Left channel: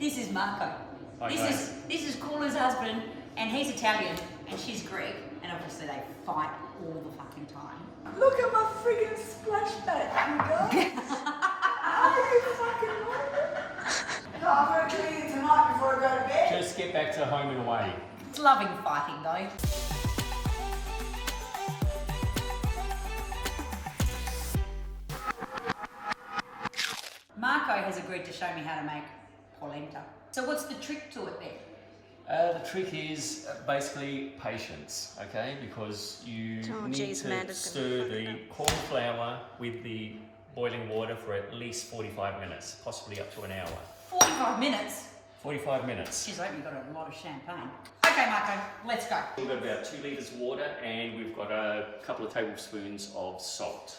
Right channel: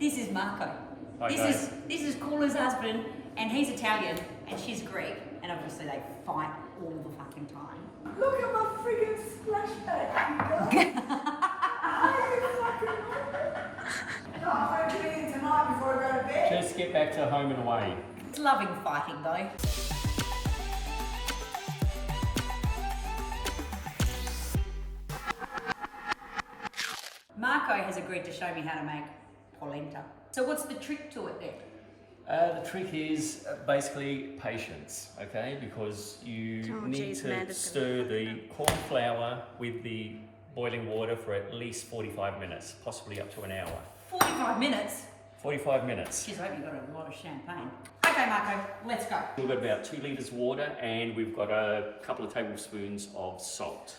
This is Marco. Hi, guys. This is Coola's husband, and he's Italian, and she's Greek, and obviously they fight all the fucking time. Look at my freaking splashback, you guys. Are you fucking weird? No, I'm going to kill you tonight before I go to bed. Just get back to home and away. It's loving fighting though. Marco has agreed to show me how to make polenta. So what's the trick to it then? The trick is basically patience, okay? Because you need to stir the corn flour with the boiling water for at least 45 minutes, possibly up to an hour. 45 minutes? 45 minutes. She's hoping you've got a lot of champagne. Okay, Marco, let's go. We've got about 2 litres of water and we've got a couple of tablespoons of salt.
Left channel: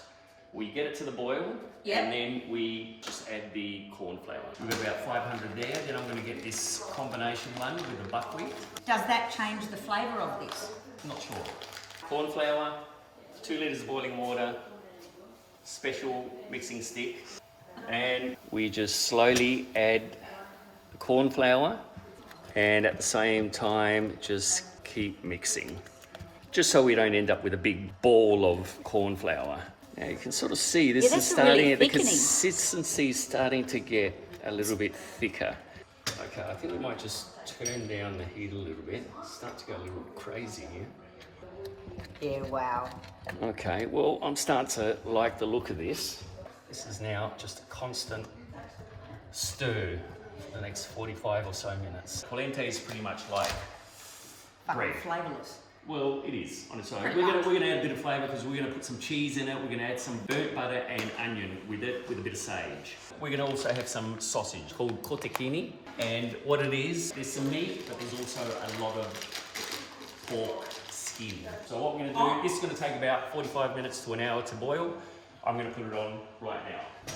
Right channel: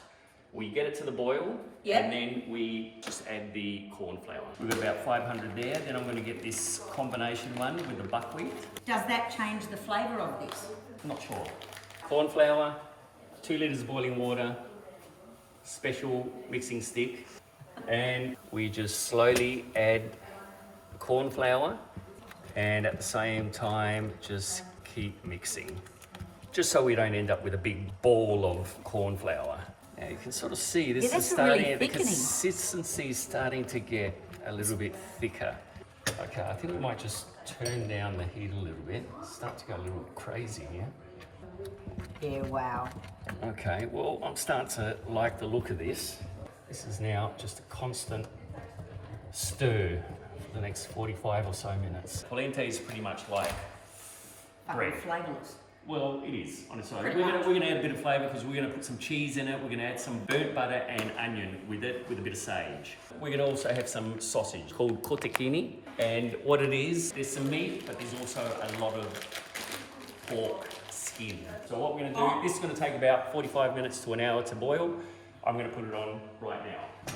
We get it to the boil, and then we just add the corn flour. We've got about 500 there. Then I'm going to get this combination one with the buckwheat. Does that change the flavour of this? Not sure. Corn flour, 2 litres of boiling water, special mixing stick, and we just slowly add the corn flour, and at the same time just keep mixing, just so we don't end up with a big ball of corn flour. Now you can sort of see this is starting, really the consistency is starting to get a little bit thicker. Okay, I think we might just turn down the heat a little bit. It's starting to go a little crazy here. Yeah, wow. Okay, well, I'm starting to like the look of this. This is now just a constant stir for the next 45 or so minutes. Polenta is pretty much like bread. Flavourless. Well, it is on its own. We're gonna add a bit of flavour because we're gonna put some cheese in it. We're gonna add some burnt butter and onion with it, with a bit of sage. We're gonna also have some sausage called cotechini, and what it is, there's some meat, but there's also a lot of pork skin. So what we're gonna do, this is gonna take about 45 minutes to an hour to boil. I'm gonna put it on right now.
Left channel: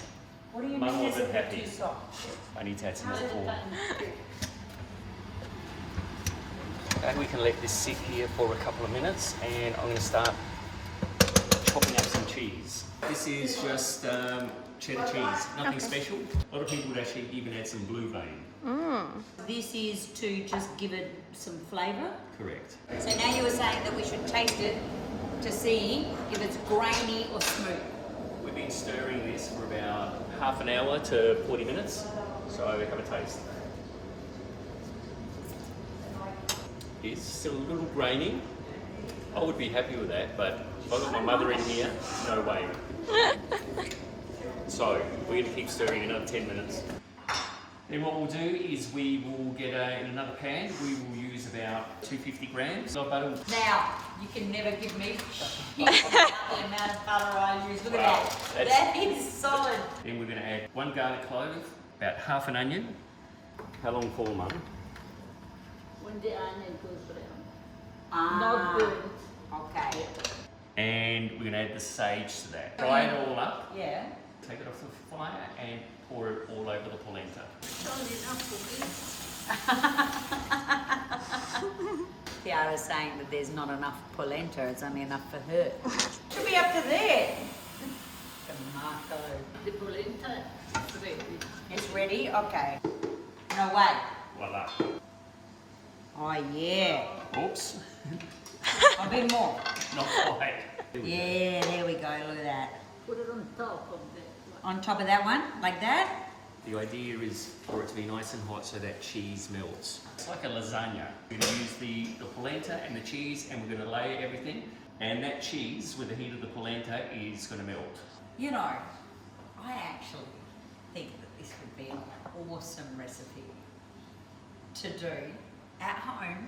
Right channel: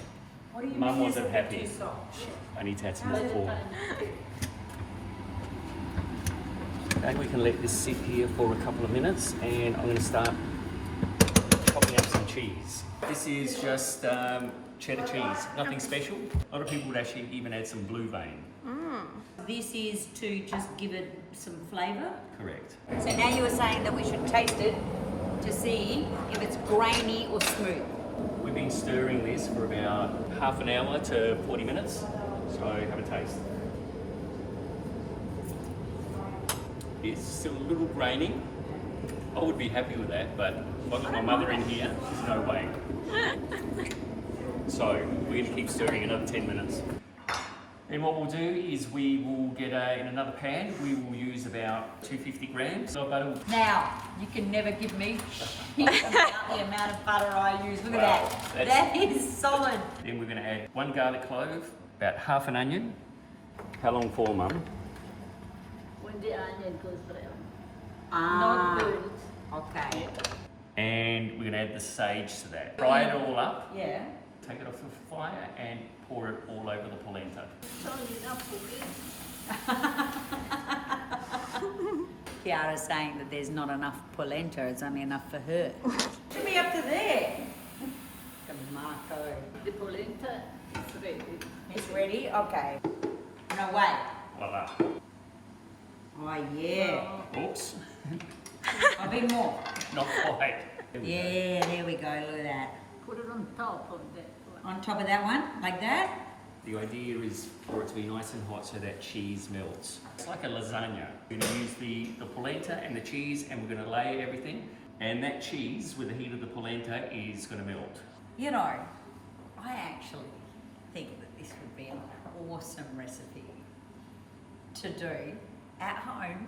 What do you Mum mean wasn't happy. too soft? I need to add some more pork. And we can let this sit here for a couple of minutes, and I'm going to start chopping up some cheese. This is just cheddar cheese, nothing special. A lot of people would actually even add some blue vein. This is to just give it some flavour. Correct. So now you were saying that we should taste it to see if it's grainy or smooth. We've been stirring this for about half an hour to 40 minutes, so have a taste. It's still a little grainy. I would be happy with that, but if I've got my mother in here, no way. So we're going to keep stirring another 10 minutes. Then what we'll do is we will get in another pan, we will use about 250 grams of butter. Now, you can never give me shit about the amount of butter I use. Look at that. That is solid. Then we're going to add 1 garlic clove, about half an onion. How long for, Mum? When the onion goes brown. Ah, Not good. okay. And we're going to add the sage to that. Fry it all up, Yeah. take it off the fire and pour it all over the polenta. Not enough for me. Kiara's saying that there's not enough polenta, it's only enough for her. Should be up to there. Marco. The polenta is ready. It's ready? Okay. No way. Voila. Oh yeah. Oops. A bit more. Not quite. Yeah, there we go, look at that. Put it on top of that one. On top of that one, like that? The idea is for it to be nice and hot so that cheese melts. It's like a lasagna. We're going to use the polenta and the cheese, and we're going to layer everything. And that cheese, with the heat of the polenta, is going to melt. You know, I actually think that this would be an awesome recipe to do at home.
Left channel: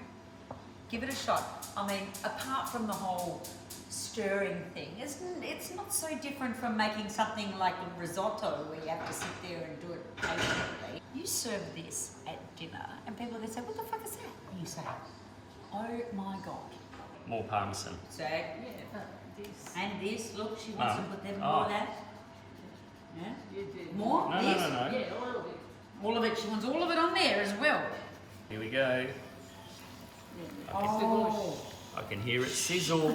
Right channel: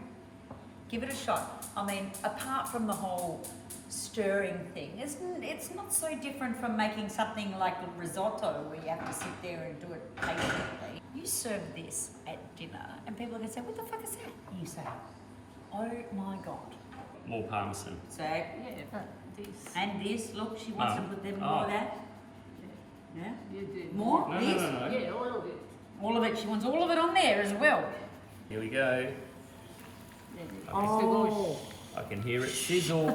Give it a shot. I mean, apart from the whole stirring thing, it's not so different from making something like a risotto where you have to sit there and do it patiently. You serve this at dinner and people are going to say, what the fuck is that? And you say, oh my God. More parmesan. So, Yeah, this. and this, look, she wants to put them more of that. Yeah? You did. More? No, this? no, no, no. Yeah, all of it. All of it, she wants all of it on there as well. Here we go. Oh. I can hear it sizzle.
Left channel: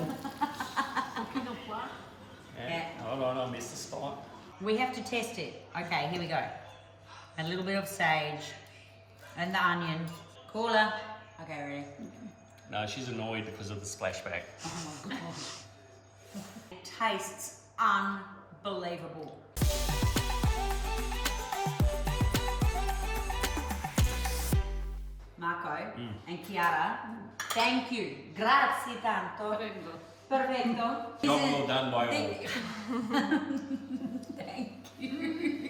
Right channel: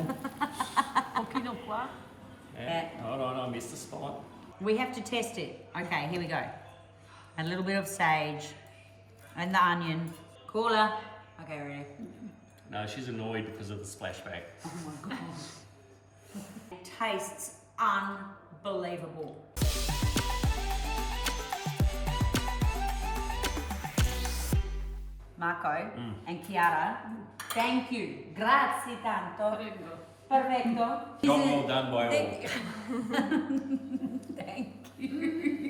Cooking of what? Yeah. Hold on, I missed the spot. We have to test it. Okay, here we go. A little bit of sage. And the onion. Cooler. Okay, ready? No, she's annoyed because of the splashback. Oh my god. It tastes unbelievable. Marco and Chiara, thank you. Grazie tanto. Prego. Perfetto. Job well done by all. Thank you.